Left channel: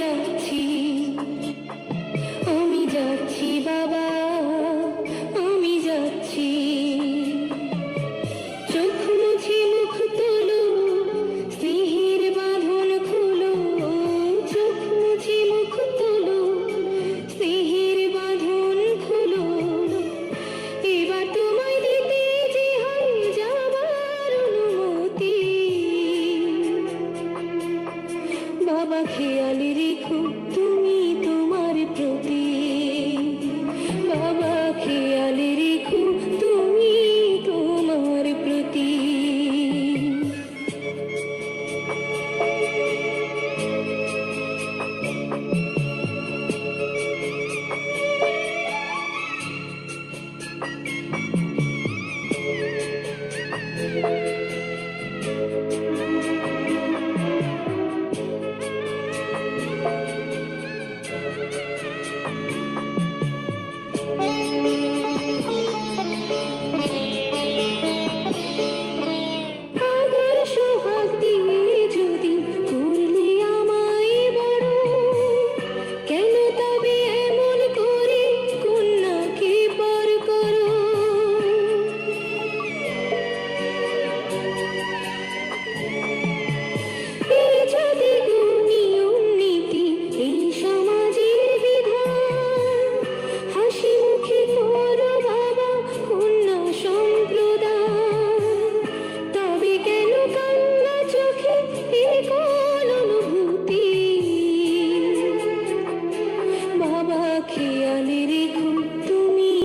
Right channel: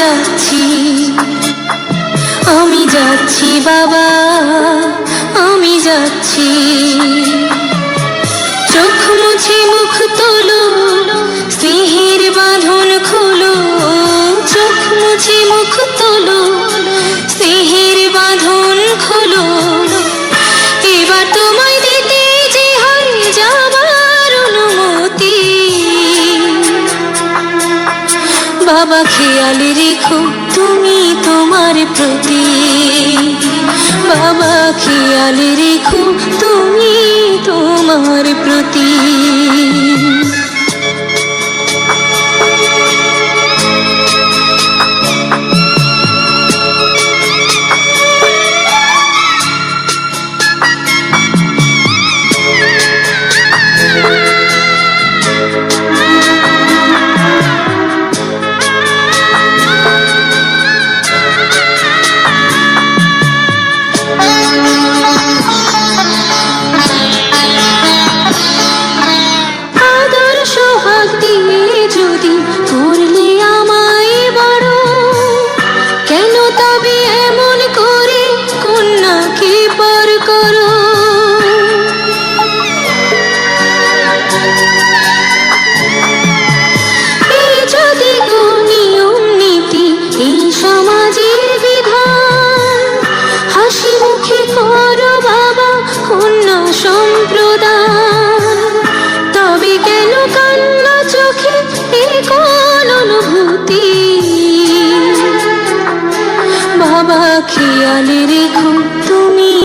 যাচ্ছি, আমি যাচ্ছি বাবা, আমি যাচ্ছি। চোখ মুছে মুখ তোলো, স্নেহের বাঁধন খোলো। চোখ মুছে মুখ তোলো, স্নেহের বাঁধন খোলো। এবার তোমায় দিতে যে হয় যাবার অনুমতি। বাবা খেয়াল রেখো তুমি তোমার প্রতি, বাবা খেয়াল রেখো তুমি তোমার প্রতি। তবে কেন কান্না চোখে এ কোন অনুভূতি। বাবা খেয়াল রেখো তুমি।